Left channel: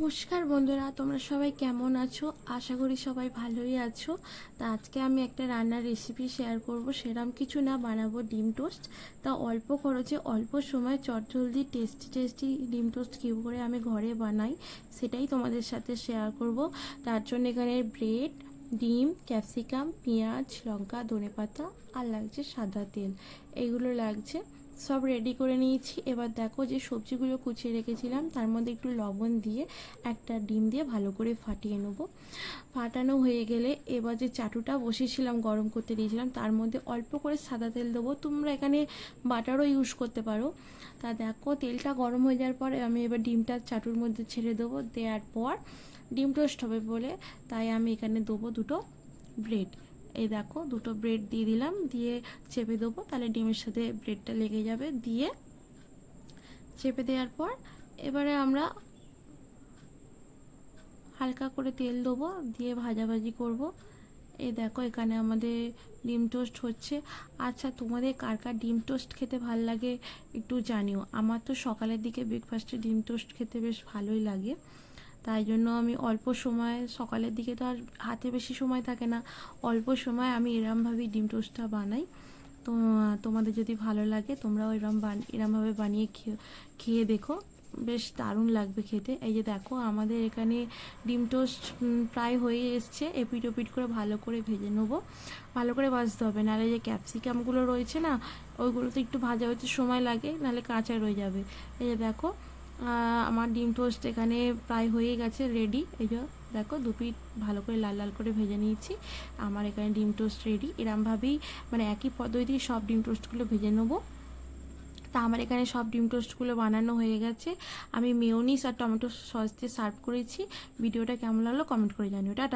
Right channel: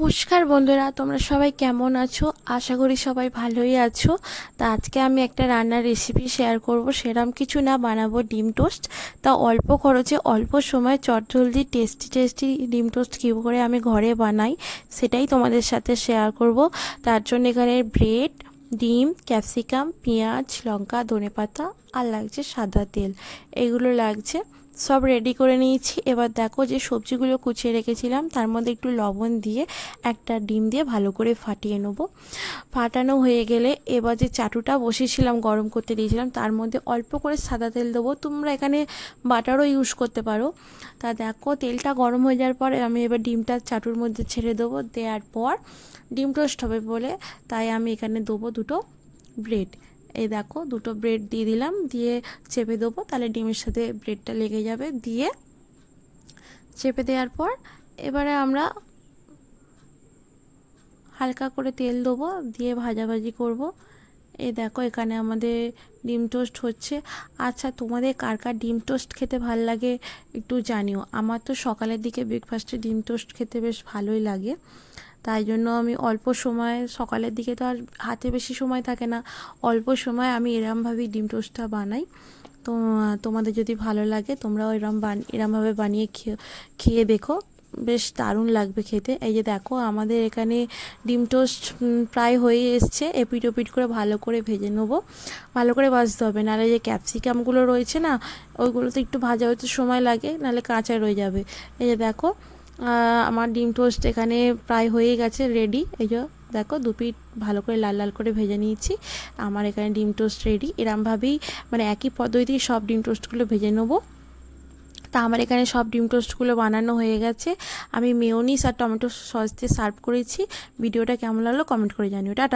নমস্কার বন্ধুরা, তোমরা সবাই কেমন আছো? আশা করি সবাই ভালোই আছো। তা আজকে আমি একটা রান্নার রেসিপি শেয়ার করব। সেরকম কিছু না, বানাবো ডিম টোস্ট। তা অল্প খরচে অল্প সময় চটজলদি টেস্টি টেস্টি ডিম টোস্ট কী করে আমি ঘরে বানাই সেটাই তোমাদের সাথে শেয়ার করব। তার জন্য এখানে ব্রেড, ডিম, ক্যাপসিকাম, পেঁয়াজ, লঙ্কা, ধনেপাতা আর লাগছে সাদা তেল, এগুলো লাগছে। সব রেডি করে নিয়েছি। এবার দেখো যে সবজিগুলো কুচিয়ে রেখেছিলাম তার মধ্যে একটু লবণ দিয়ে একটা ডিম দিয়ে ভালো করে ফাটিয়ে নেবো। ফাটানো হয়ে গেলে এবার যে চাটুটা বসিয়েছিলাম গরম করতে দিয়েছিলাম তার মধ্যে অল্প করে সাদা তেল দেবো। তোমরা এখানে বাটারও ইউজ করতে পারো। তা দেখো তেলটা গরম হয়ে যাওয়ার পর আমি এবার ডিমটা চাটুর মধ্যে ছেড়ে দেবো। দেওয়ার পর ডিম টোস্ট হবে বলে তাই আমি এখানে দেবো দুটো ব্রেড। এই দেখো দুটো ব্রেড দিয়ে দিলাম, দিয়ে চেপে দেবো, তাহলে ডিমের সাথে ব্রেডটা লেগে যাবে। দিয়ে চেপে দেওয়ার পর এবারে আমরা হালকা করে তেল দেবো, দিয়ে ভাজাভাজি করব। এই দেখো এখানে আমাদের ডিম টোস্ট হচ্ছে। আচ্ছা, তোমাদের কার কার ডিম টোস্ট খেতে ভালো লাগে একটু জানিও। আমার তো সকালের দিকে ব্রেকফাস্টে ডিম টোস্ট খেতে বেশ ভালোই লাগে। তাই জন্য আমি অল্প সময়, সকালের দিকে তো আর হাতে বেশি সময় থাকে না, অল্প সময় আমি এরমভাবেই ডিম টোস্টটা বানাই। তো তোমাদের যদি ভালো লাগে তোমরাও এরমভাবে বানিয়ে খেয়ে দেখো, বেশ দারুণ লাগবে খেতে। এই যে দেখো আমাদের এখানে ডিম টোস্ট প্রায় হয়ে এসছে। এপিট ওপিট করে ভালো করে ভেজে নেবো। ভালো করে ভাজতে হবে, নাহলে যে ক্যাপসিকামগুলো রয়েছে না, ওইগুলোতে একটু ভাজা হতে সময় লাগে, নাহলে কাঁচা রয়ে যাবে। এই যে দেখো আমার ডিম টোস্ট এখানে প্রায় হয়ে গেছে, রেডি। এই যে দেখো দু পিঠ ভালো করে লাল লাল করে ভেজে নিয়েছি। আমার এখানে ডিম টোস্ট রেডি। এরমভাবেই মানে একই পদ্ধতিতে সব ডিম টোস্টগুলো ভেজে নেবো। তা আমার এখানে সব ডিম টোস্টগুলো বানানো হয়ে গেছে। আমি মেয়োনিজ আর টমেটো সস দিয়ে সার্ভ করেছি। ভিডিওটা কেমন লাগলো কমেন্ট করে জানিও। টাটা।